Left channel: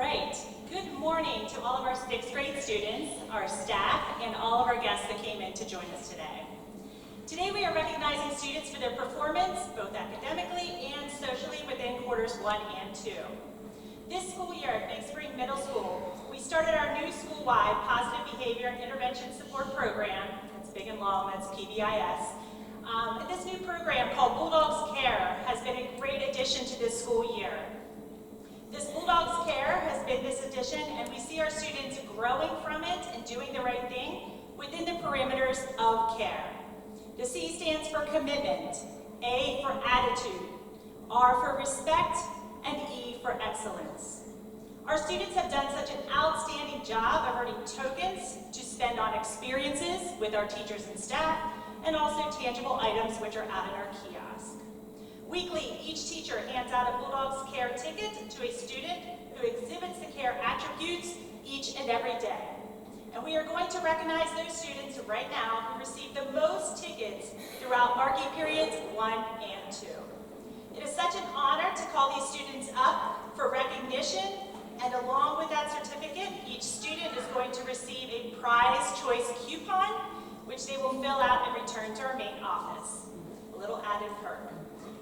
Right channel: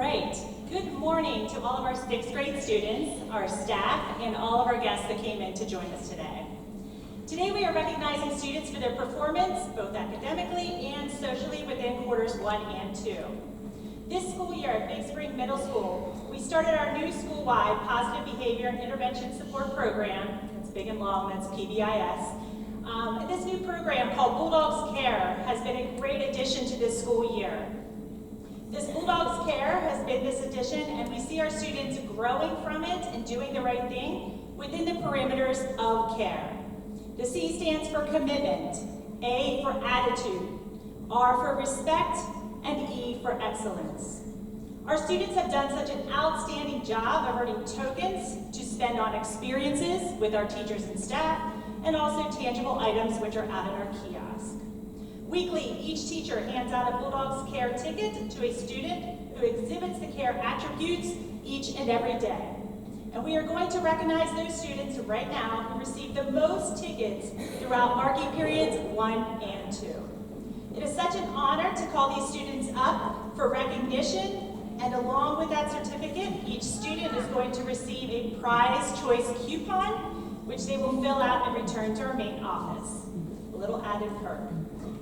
right, good morning to all of our 6th grade students, our staff, and all of our guests that came in to join us today. Today we are recognizing students for their performance, both academically and socially within quarters 1 and 2. This school year at Big Spring Middle School, we started our new school-wide Positive Behavior and Intervention Support Program. It's big and long, that's PBIS. This new program called Bulldogs Care has been a great addition to this school year. This Bulldogs Care has been this addition, and we see our students growing from it and doing the right thing within the parameters of care. The C stands for commitment, A for attitude, R for respect, and E for excellence. Our students have done such an outstanding job of earning tokens to spend on experiences with our teachers and staff, and also tangible items which are out in our kiosk. Weekly, each teacher hands out a Bulldogs Care ticket to a student who exhibits the care attributes each and every day. And we are going to recognize those students right now who received the most tickets throughout marking periods 1 and 2. It is such an honor to call these students up for recognition, and along with that certificate, each student is going to receive a prize choice coupon, which they will fill out and return to our main office. A little added perk.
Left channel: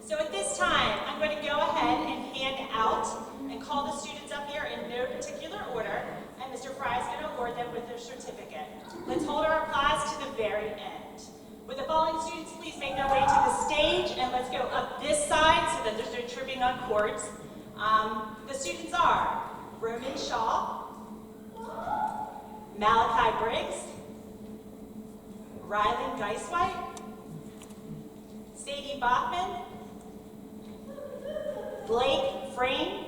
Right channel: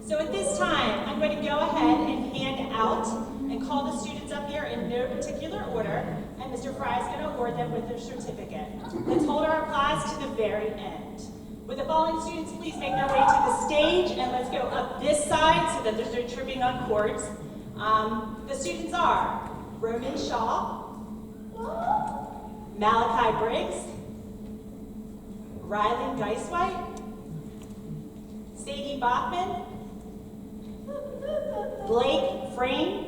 So at this time, I'm going to go ahead and hand out and call the students up here in no particular order, and Mr. Fry is going to award them with their certificate. Let's hold our applause to the very end. Would the following students please make their way to the stage, and let's go up this side so that there's no tripping on cords. The students are Roman Shaw, Malachi Briggs, Rylan Geiswhite, Sadie Bachman, Blake Frame,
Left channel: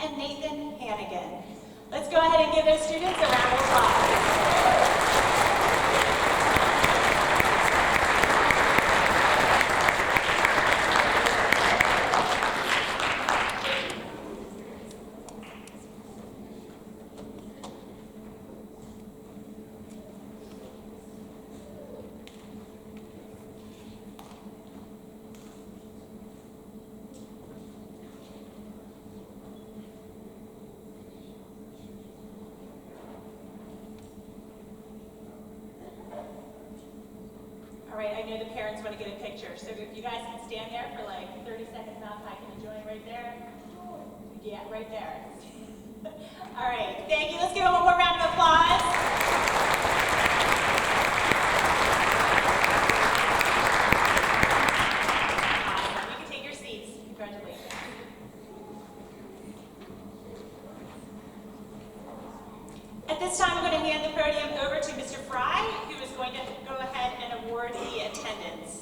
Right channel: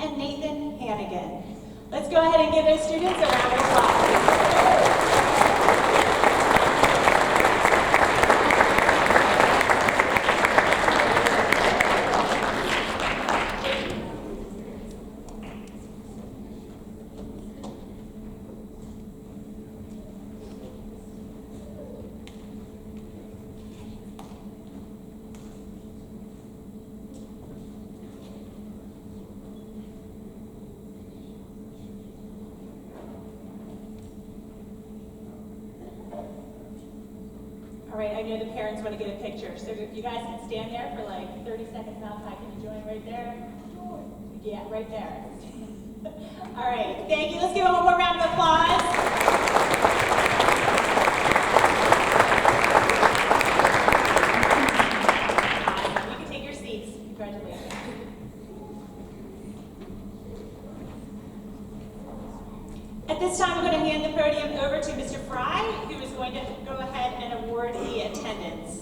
and Nathan Hannigan. Let's go ahead and give those students a round of applause. All right, I know the parents want to get a picture, so if you guys can stand there for like 30 seconds now, can you join right there? Yeah, right there. All right, thank you. Let's give them one more round of applause. You can take your seats. Congratulations. At this time, I'm going to hand the podium over to Mr. Fry, who is going to go ahead and award the attendance.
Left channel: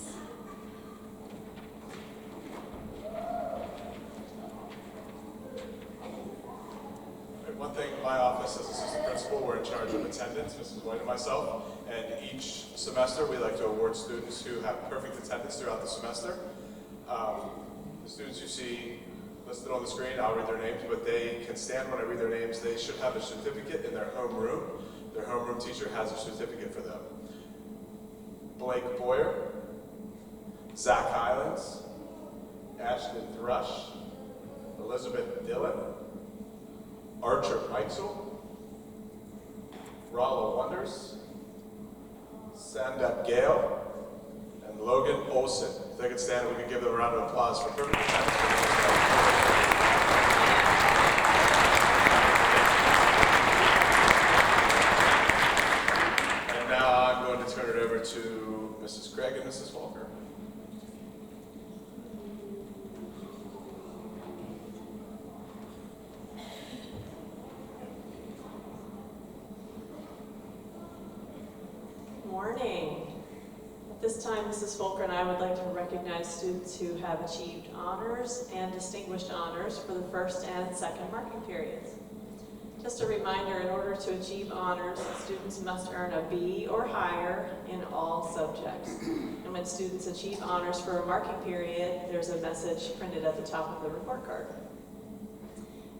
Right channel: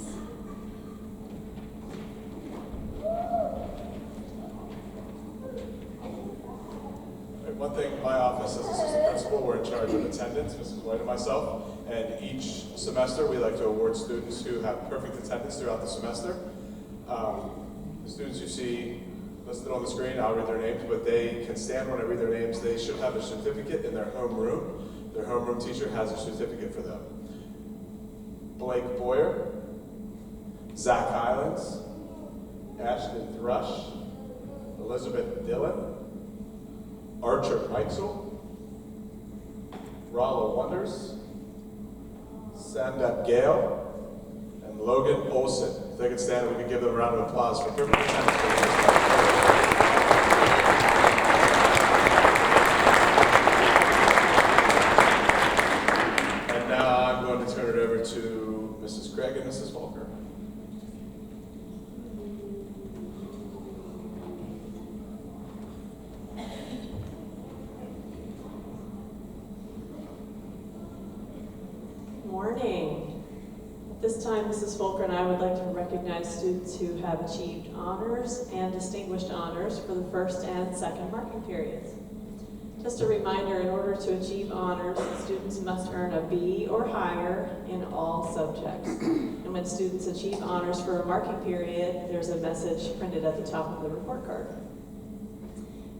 One thing, my office as assistant principal, we're in charge of attendance, Mrs. White and myself, and each semester we like to award students who have perfect attendance throughout the semester. The students you see listed on the screen, I'll read their names, but they can stand when I read their names. They should have a certificate in their homeroom. Their homeroom teacher has a certificate for them. Blake Boyer, Zach Hylands, Ashton Thrush, Elizabeth Dillon, Archer Meixel, Rollo Wonders, Sandep Gale, and Logan Olson. If they could stand, we can give them a round of applause for perfect attendance. And now I'm going to turn it over to Mrs. Craig and Mrs. Volker. Morning. At this time, Mrs. Volker and I would like to recognize students who have achieved honors and distinguished honors for the first and second marking periods. Just a reminder, in order to achieve honors, students must earn a B or higher in all subjects. And when students achieve honors for a marking period, there's a message printed at the top of the report card.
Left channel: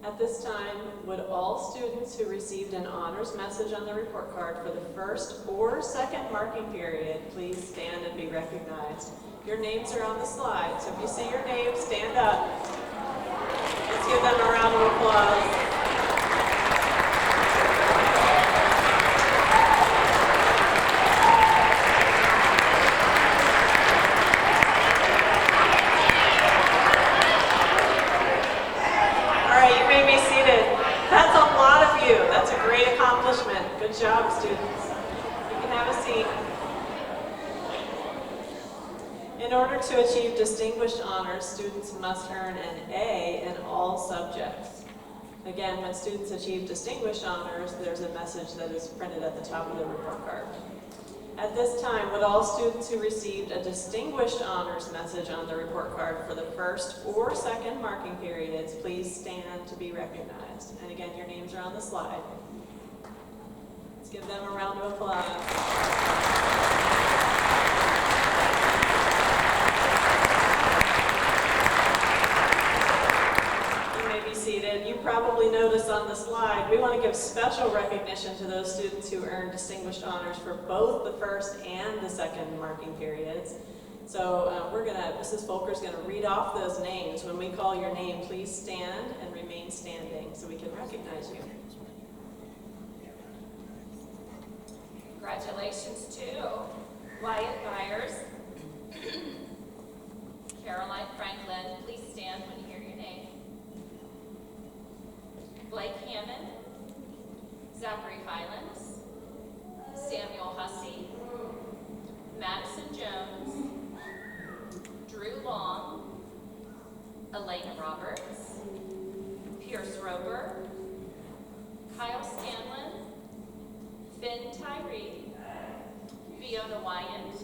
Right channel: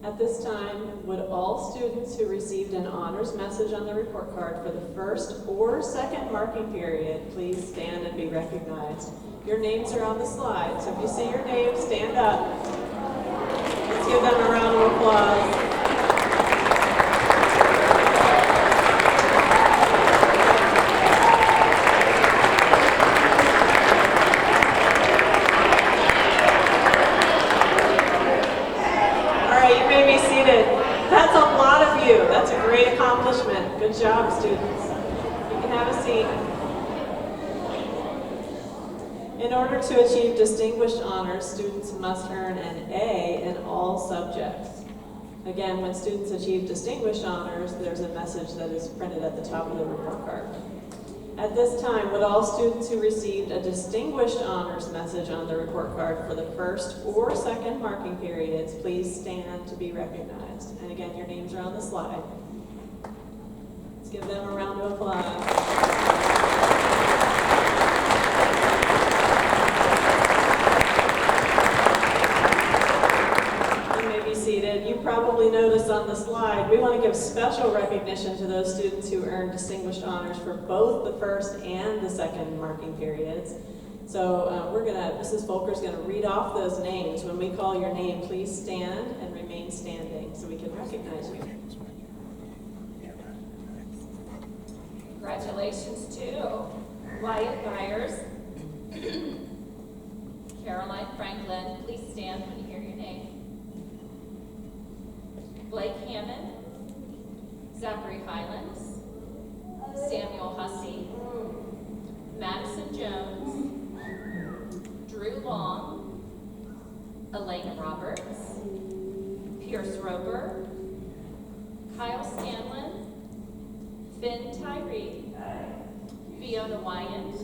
At this time, would all students who received an honors message on the report card for the first or second marking period please stand and be recognized? Your names are on the slide, so if you see your name, stand up. Let's give them a round of applause. Good job, students. You can have a seat. In order to achieve distinguished honors, students must earn an A in all subjects. Again, when students achieve distinguished honors, there's a message that is printed at the top of the report card. At this time, would all students who received a distinguished honors message on the report card for the first or second marking periods please stand to be recognized? And again, your names are on the slide. Let's give them a round of applause. You probably noticed on the slide, we want to give special recognition to those students who earned distinguished honors for both the first and the second marking periods. So Mrs. Volker's going to read off those names. When we call your name, please stand and remain standing so we can recognize you. Congratulations to Wyatt Byers, Caroline Franklin, please stand when you hear your name. Blake Hammond, Zachary Highlands, Samuel Hussey, Madison Jones, Drew Long, Elena Roberts, Pierce Roper, Kyle Scanlon, Finn Tyree, Fiona Wyant,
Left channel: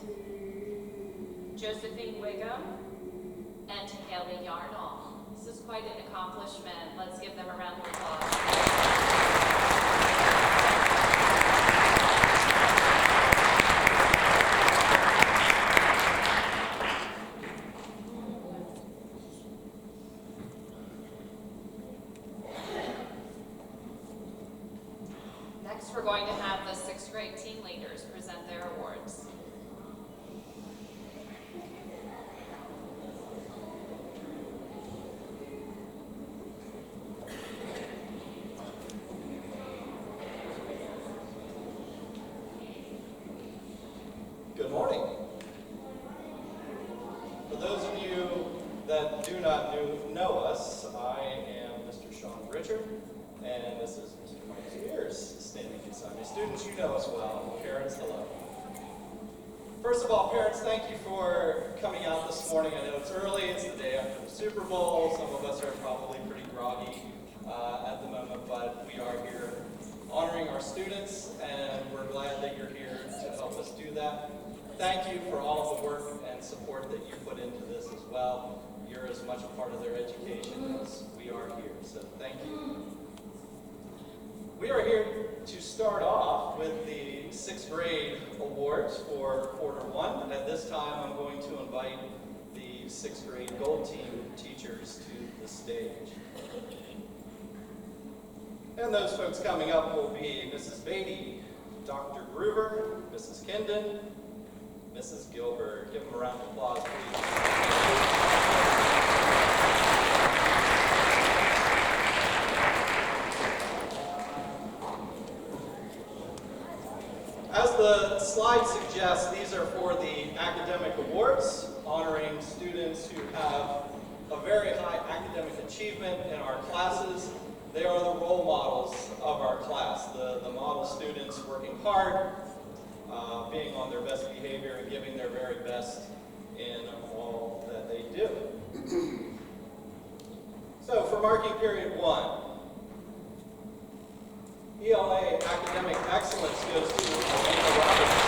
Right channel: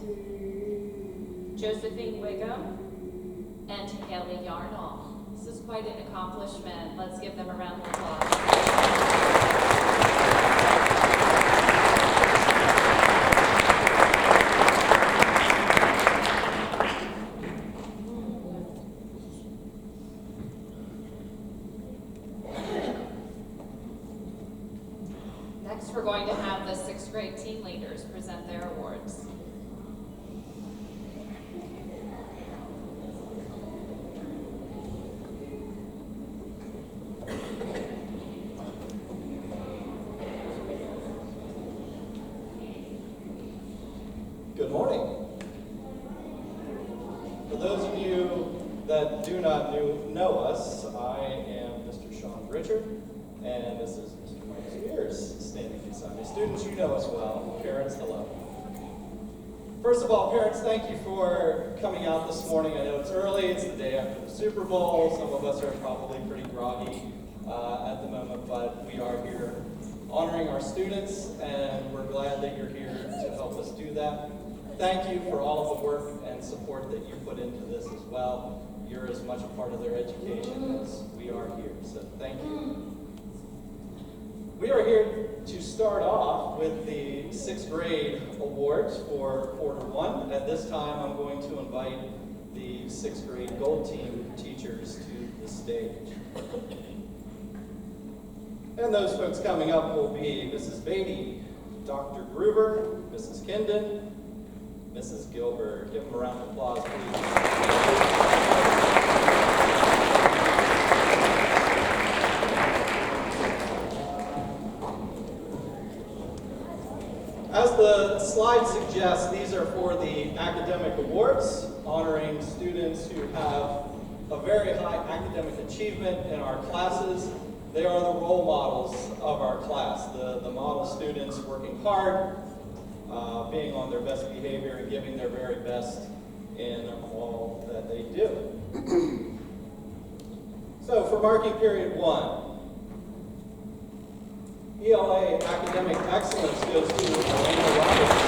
Josephine Wiggum, and Haley Yarnall. This is quite an accomplishment. Let's give them a round of applause. Next, we're going to have the 6th grade team leaders present their awards. Good morning. For those of you that do not know us, I am Mr. Sean Richard, and this is Mr. Mike Spears standing beside me. Students, you know us well. Parents, hello. First of all, parents, thank you for coming out this morning. I know it's early, it's the day after the Super Bowl. Some of us are probably pretty groggy at the moment, but we are here honoring our students, and we're glad that you're here to help us do that. Thank you for all of the work and support that you put into this as well. You're as much a part of their education as we are here, so thank you. We are here to start off with the 6th grade awards for quarter 1. At this time, I'm going to invite the 6th grade gold team teachers to the stage. And those folks coming up will be Mrs. Beatty, Dr. Groover, Mrs. Kindon, Mrs. Gilbert. Give them a round of applause, please. As the slide suggests, these are for the academic awards, honoring students who have a very high academic achievement in our classes. They are the role models of our class, the model students working hard, being on their best behavior and giving their very best in all that they do. So for marking period 1, ELA academic excellence goes to Elena Roberts.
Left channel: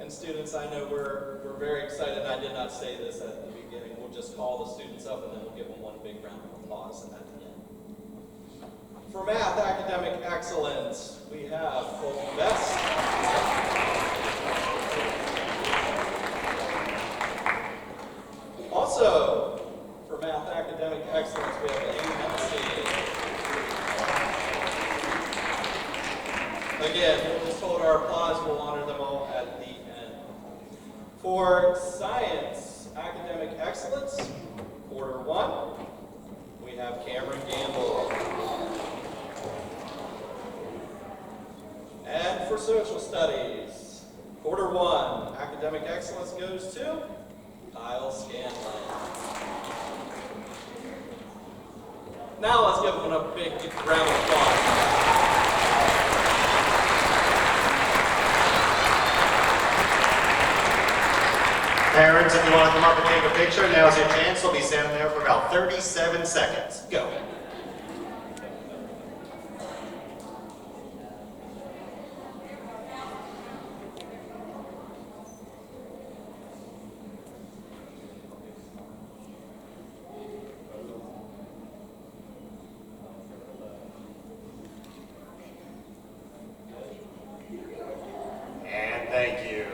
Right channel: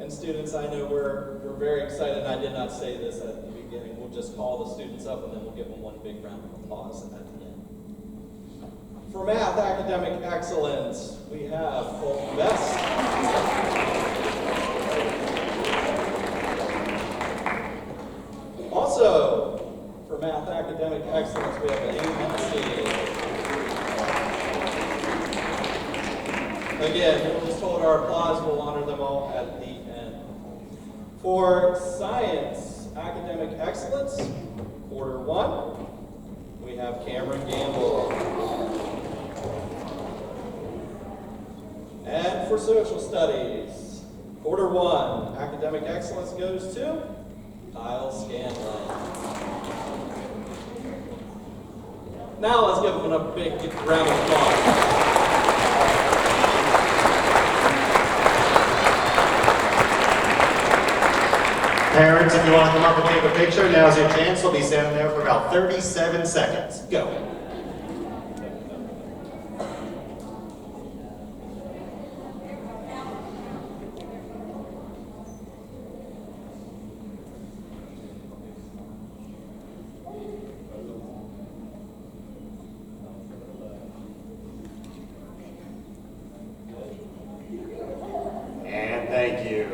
And students, I know we're very excited. I did not say this at the beginning. We'll just call the students up and then we'll give them one big round of applause at the end. For math academic excellence, we have Colton Best. Also, for math academic excellence, we have Amy Hennessy. Again, we'll just hold our applause. We'll honor them all at the end. For science academic excellence, quarter 1, we have Cameron Gamble. And for social studies, quarter 1, academic excellence goes to Kyle Scanlon. Now let's give them a big round of applause. Parents, if you want to come up and take a picture, now's your chance. They'll be standing there for about 37 seconds. Go. And thank you.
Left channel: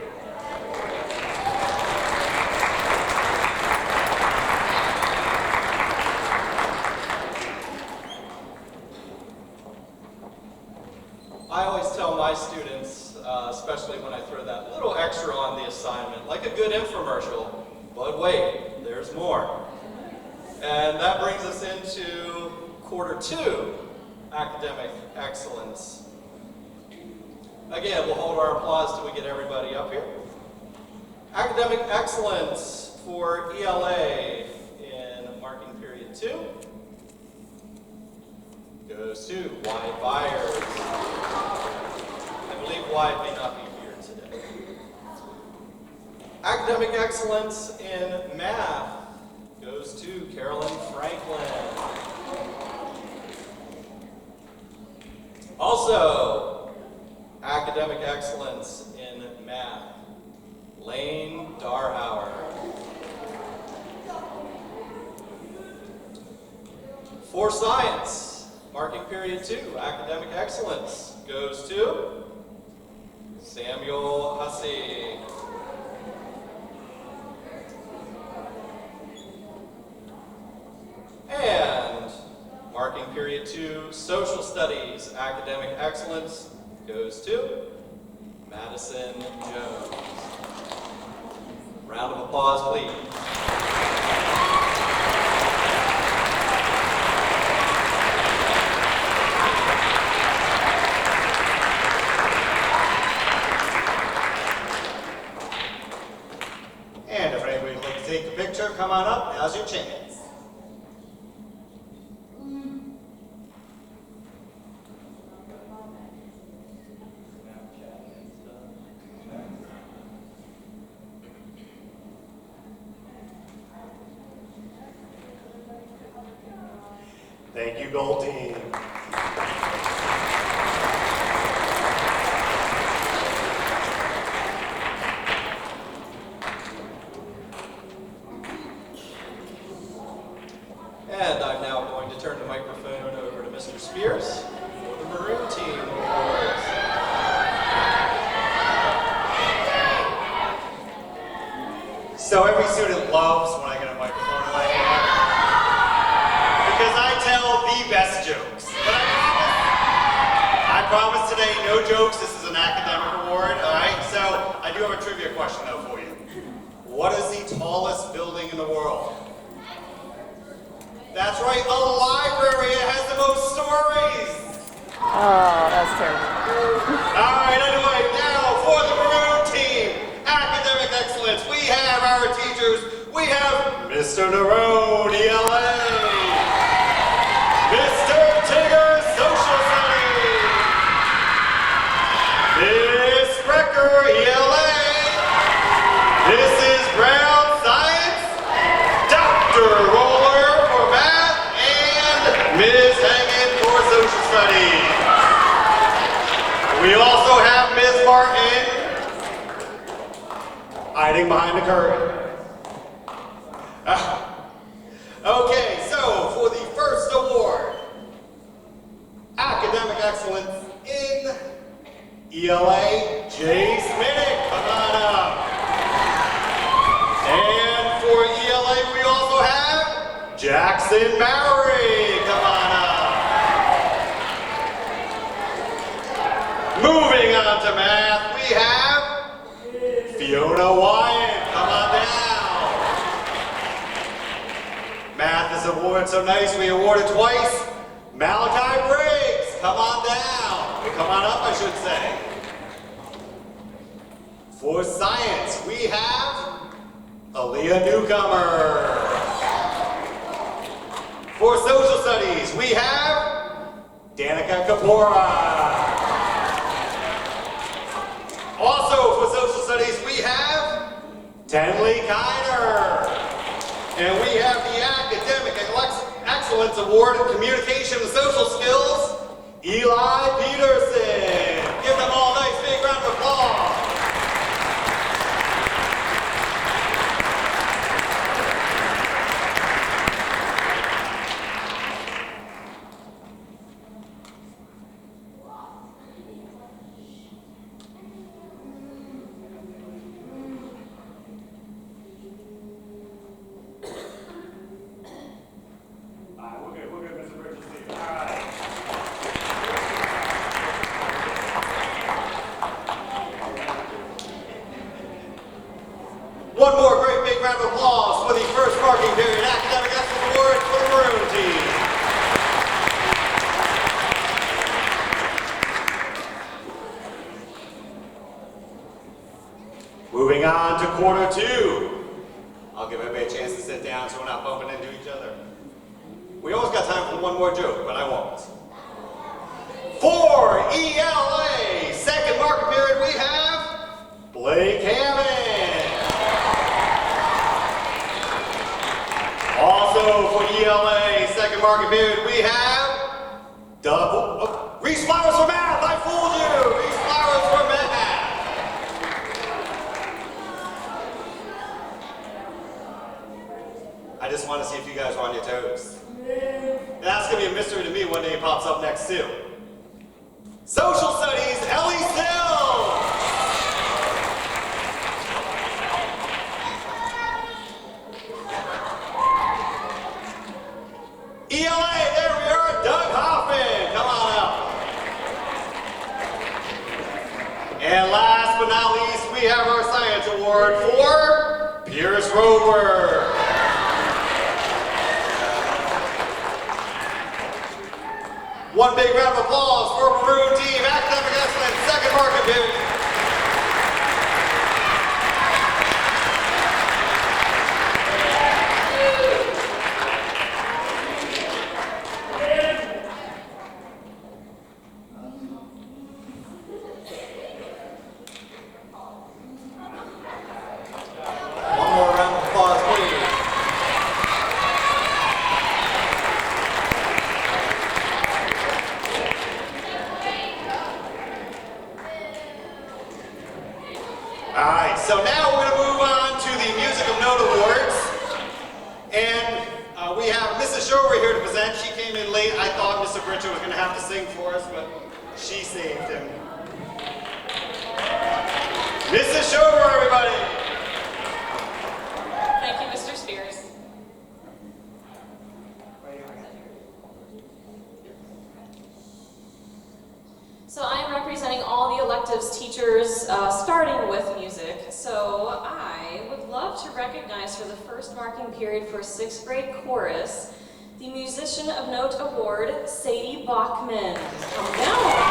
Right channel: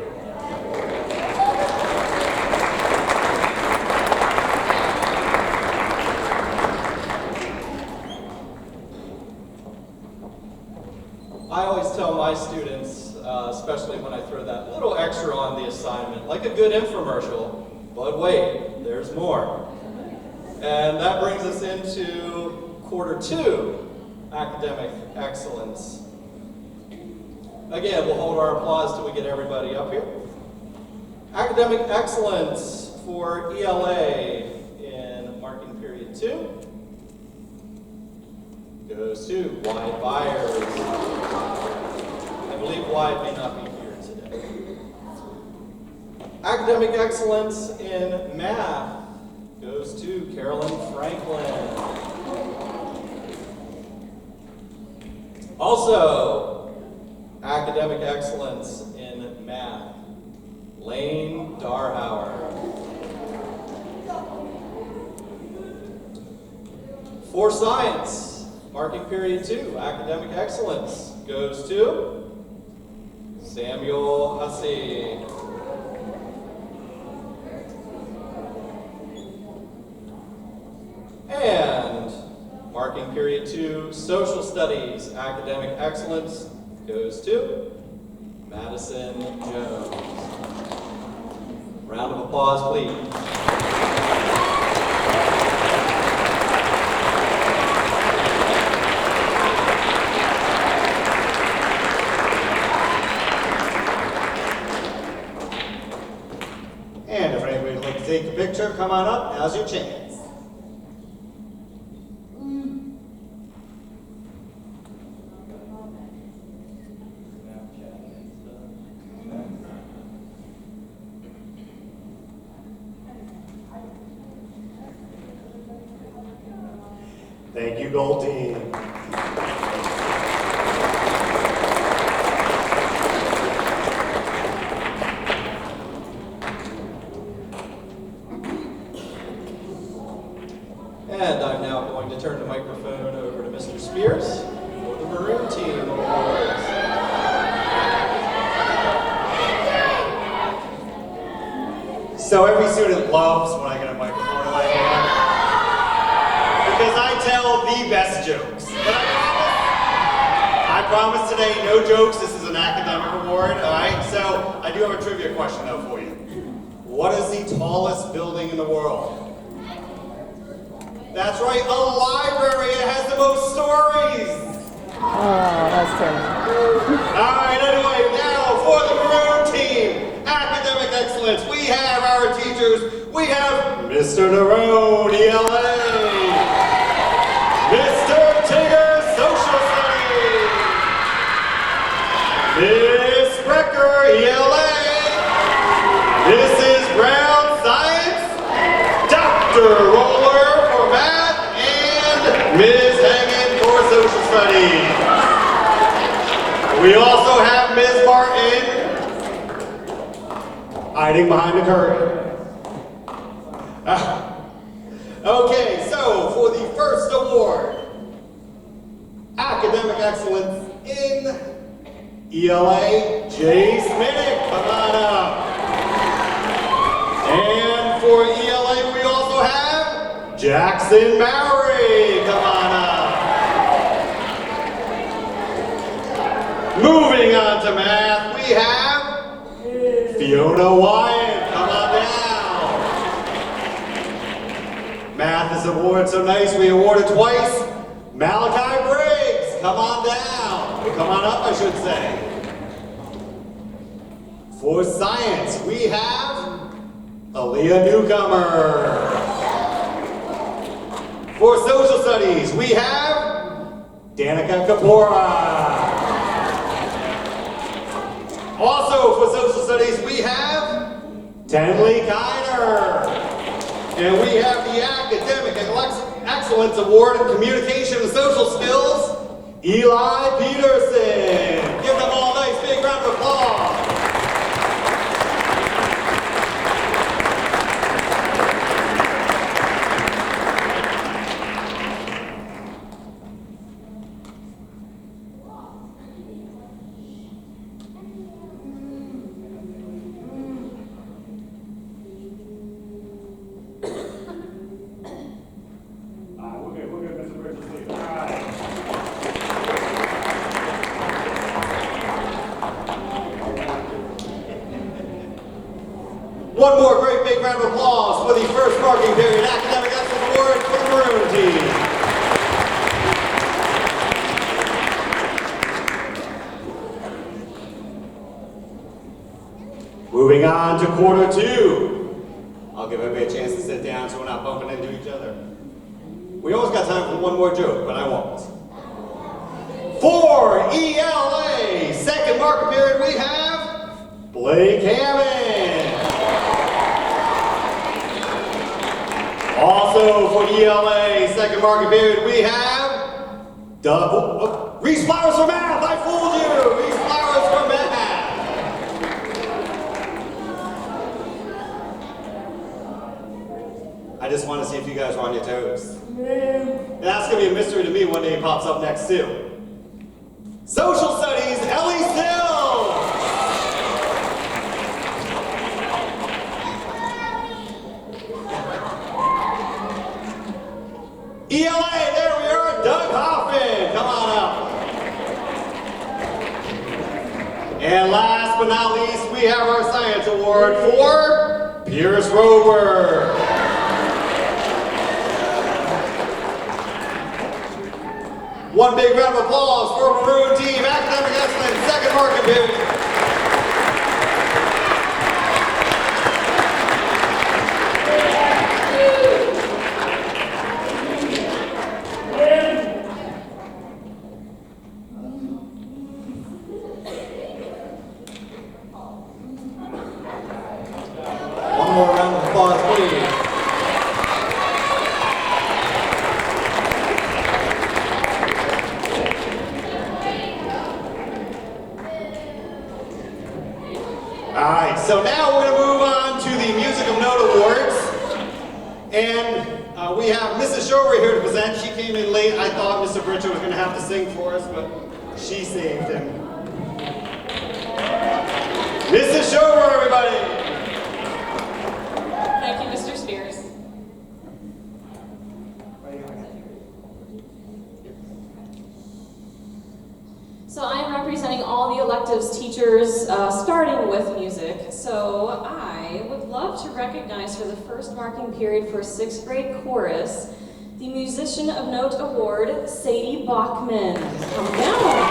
I always tell my students, especially when I throw that little extra on the assignment, like a good infomercial, but wait, there's more. And that brings us into quarter 2, academic excellence. Again, we'll hold our applause till we get everybody up here. Academic excellence for ELA in marking period 2 goes to Wyatt Byers. I believe Wyatt may not be here today. Academic excellence in math goes to Carolyn Franklin. Also, academic excellence in math, Lane Darhauer. For science, marking period 2, academic excellence goes to Samuel Hussey. And marking period 2, social studies, academic excellence goes to Madison Jones. Round of applause, please. And if anybody would like to take a picture, come on up. Now's your chance. Thank you, Gold Team. And I'm now going to turn the microphone over to Mr. Spears for the Maroon Team Awards. So every student loves when I get a microphone in my hand because I tell the best jokes. But I promise today, no jokes. This is an academic award, all right? So I do have a trivia question though for you. What is the tallest building in the world? That's right, a library. It has the most stories. Oh, that's terrible. All right, anyway, now for the Maroon Team, academic excellence, we have our teachers. We have Mr. Nerone, ELA. Mr. Tigger, Social Studies. Miss Brecker, ELA. Mrs. Brown, Science. Dr. Roller for Math, and Ms. Hagan for Social Studies. We also have Ms. Martin hiding behind the curtain. Okay, so for the first award, academic excellence in ELA, Jay Smittick, come on up. And for ELA, we also have Jackson Mowry, come on up. Moving on to math, we have Fiona Wyatt, come on down. Math is awarded so nice, we award it twice. Malachi Briggs, come on down. Come on up, I should say. For science, we have Aaliyah Newcomer. For social studies, we have Danica Kapora. Also for social studies, we have Tenley Kiner. And we have the Academic Excellence Award in Communication and Social Skills, Eli Peterson. Give them all a nice big round of applause. We're good, Mr. Bridges. All right. One more great big round of applause for the first marking period Academic Excellence Award for the Maroon team. Moving on to quarter two. I'll give everybody a chance to sit down so we're not bumping into each other. We almost got time for one more joke, but I won't. For ELA, second marking period, we have Blake Hammond. Also for ELA, second marking period, we have Reese Flowers for math. I fooled you. Reese Flowers for math. I just want to see if you guys are on your toes. And that's going to be a mystery to me one day it pops up next too. Social Studies, Ellie Still. ELA, there we are, Doug Hoffman. Come on up. And last but not least, we have our Science Award for Pierce Rover. One big round of applause for Maroon Team Academic Excellence, second marking period. One more round of applause, please. Alright, so now we're going to move on to the Music of Note Awards. And we have Mrs. Shover here to present. She came in late. I thought Mr. Bridger was going to have to sing for us, but she saved him. Mrs. Shover, everybody! Thank you, Mr. Spears. So I am representing all the electives teachers, starting with music. So I would love to recognize for the first marking period for 6th grade chorus, the Musician of Note Award, Sadie Bachman. Come down.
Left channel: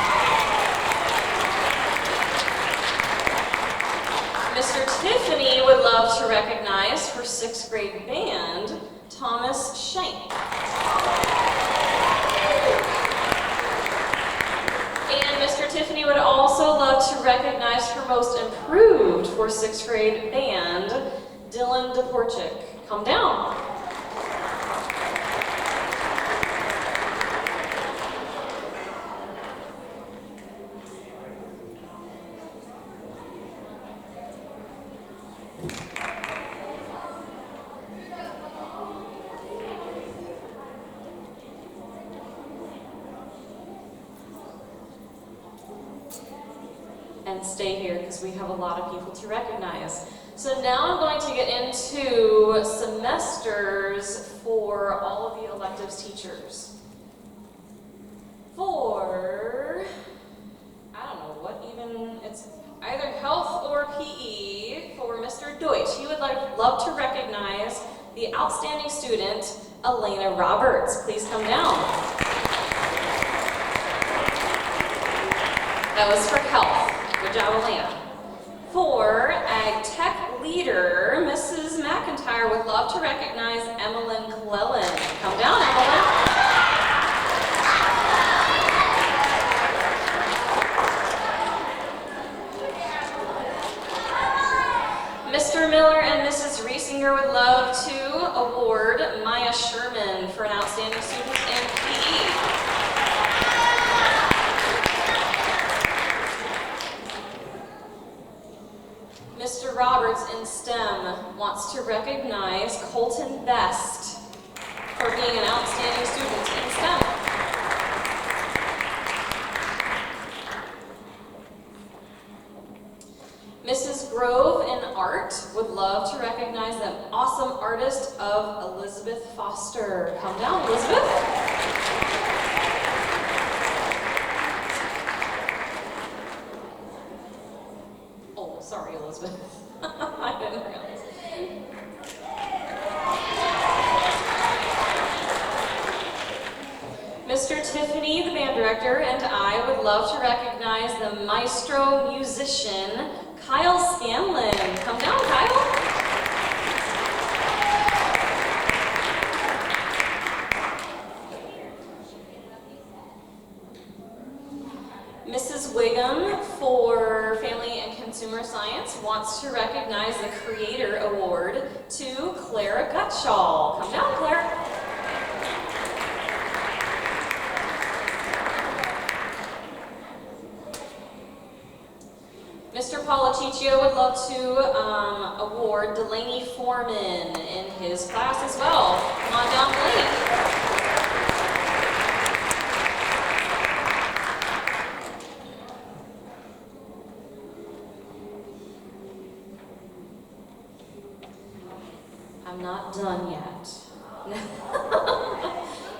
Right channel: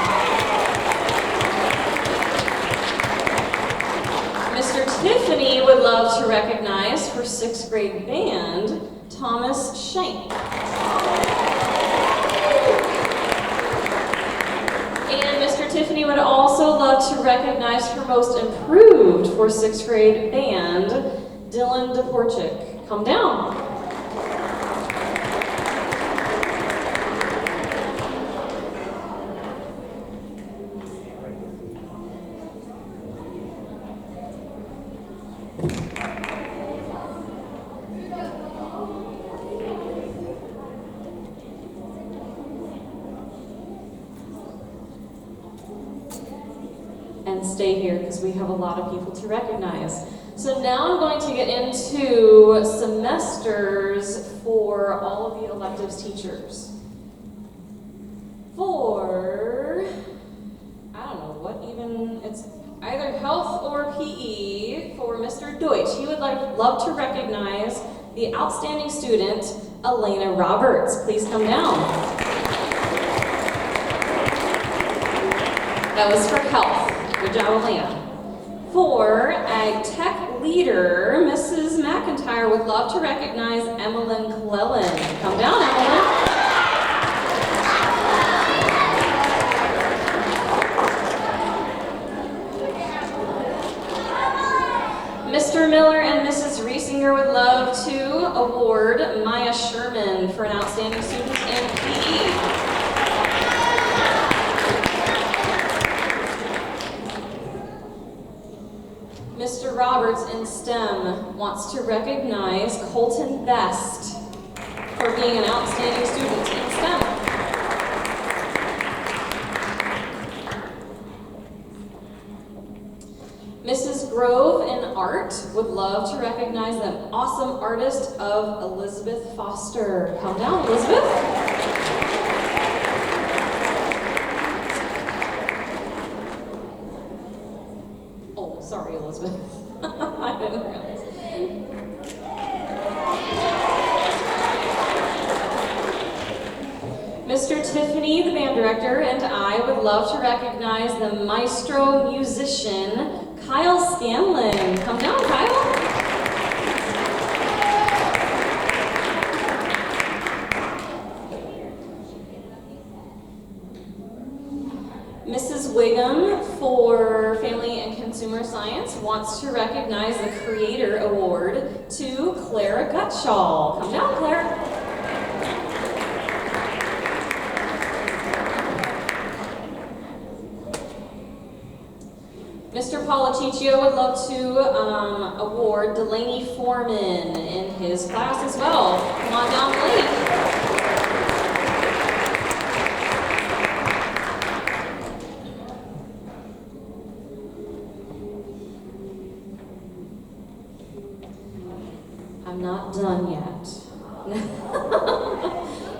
Mr. Tiffany would love to recognize for 6th grade band, Thomas Shank. And Mr. Tiffany would also love to recognize for most improved for 6th grade band, Dylan DePorchik. Come down. And stay here because we have a lot of people to recognize. So now I'm going to get into semesters for all of the electives teachers. For, I don't know what even, it's either health or PE for Mr. Deutsch. He would love to recognize the outstanding student, Elena Roberts. Please come down. That was for health. Good job, Elena. For Ag Tech Leader, Mrs. McIntyre would love to recognize Emmeline Clellan. Come down, Emmeline. Mr. Miller and Mrs. Riesinger would love to award Maya Sherman for an outstanding student in PE. Mr. Roberts in STEM wants to recognize Colton Best for being an outstanding student in STEM. Mrs. Grove in Art would love to recognize the awesome artist of Elizabeth Foster. Come down, Elizabeth. Oh, sorry, Elizabeth. I didn't realize. Mr. Tiffany, the band director, and I would love to recognize the maestro musician, Kyle Scanlon. Come down, Kyle. Mrs. Wiggum for Family and Consumer Science wants to recognize the Creator Award to Clara Gutschall. Come down, Clara. Mr. Policiccio would love to award Delaney Foreman in his class as well. Come on down, Delaney. I'm not done yet.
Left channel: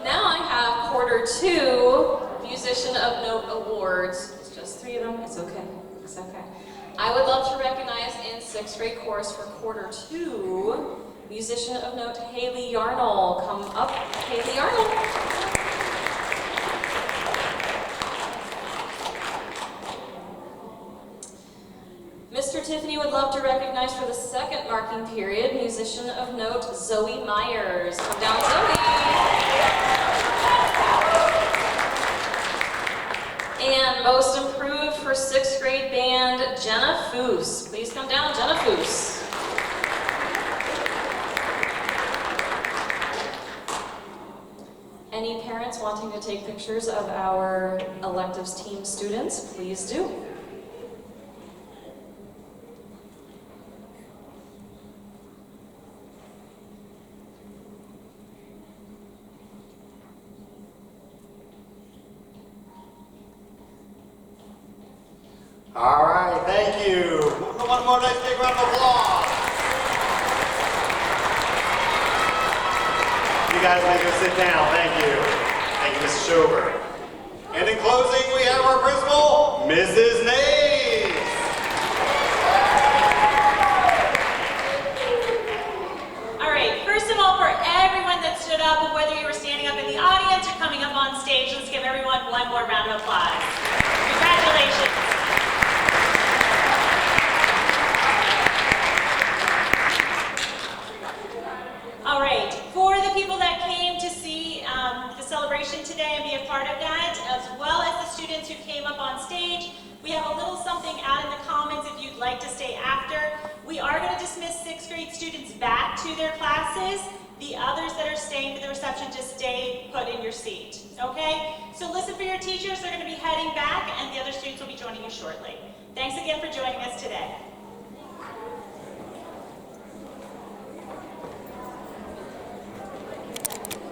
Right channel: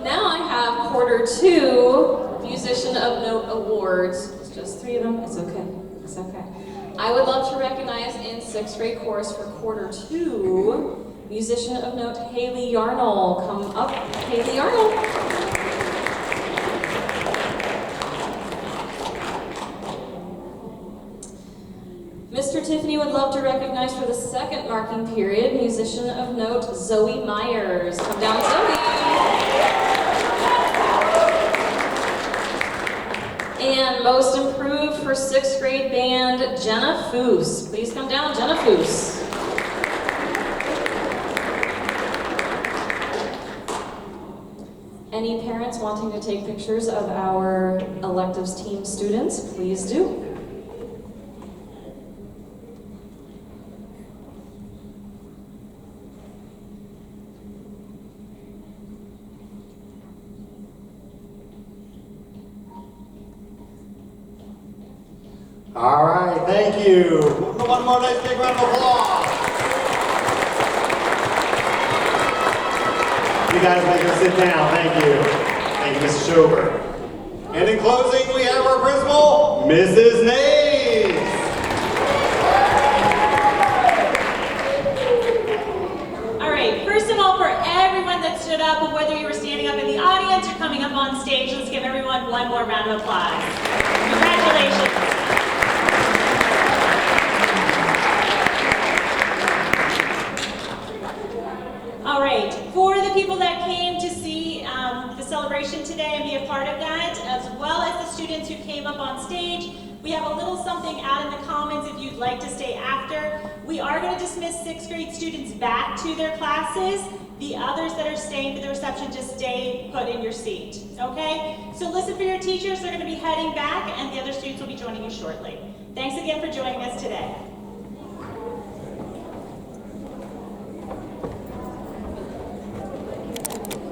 Now I have quarter 2 Musician of Note Awards. It's just 3 of them. It's okay. It's okay. I would love to recognize in 6th grade chorus for quarter 2, Musician of Note Haley Yarnell. Come up, Haley Yarnell. Mr. Tiffany would love to recognize for the 2nd marking period, Musician of Note Zoe Myers. Come down, Zoe. And most improved for 6th grade band, Jenna Foose. Please come down, Jenna Foose. Any parents wanting to take pictures of our electives team students, please do. All right, thank you. One more nice big round of applause. You guys make us sit down, thank you. Thank you, Mrs. Schober. And in closing, we have our principal, Mrs. Nays. All right, first of all, for everyone that stood up, and whether you were standing up in the audience or coming up on stage, let's give everyone one more round of applause. Congratulations. All right, for the people that came to see the celebration today and be a part of that, as well as the students who came up on stage, we have a little something out in the commons if you'd like to stay after. We are going to dismiss 6th grade students back to their classes. The others that are staying for the reception, just stay put in your seat, okay? So listen for your teachers. They're going to be heading back, and the other students will be joining you shortly. Thanks again for joining us today.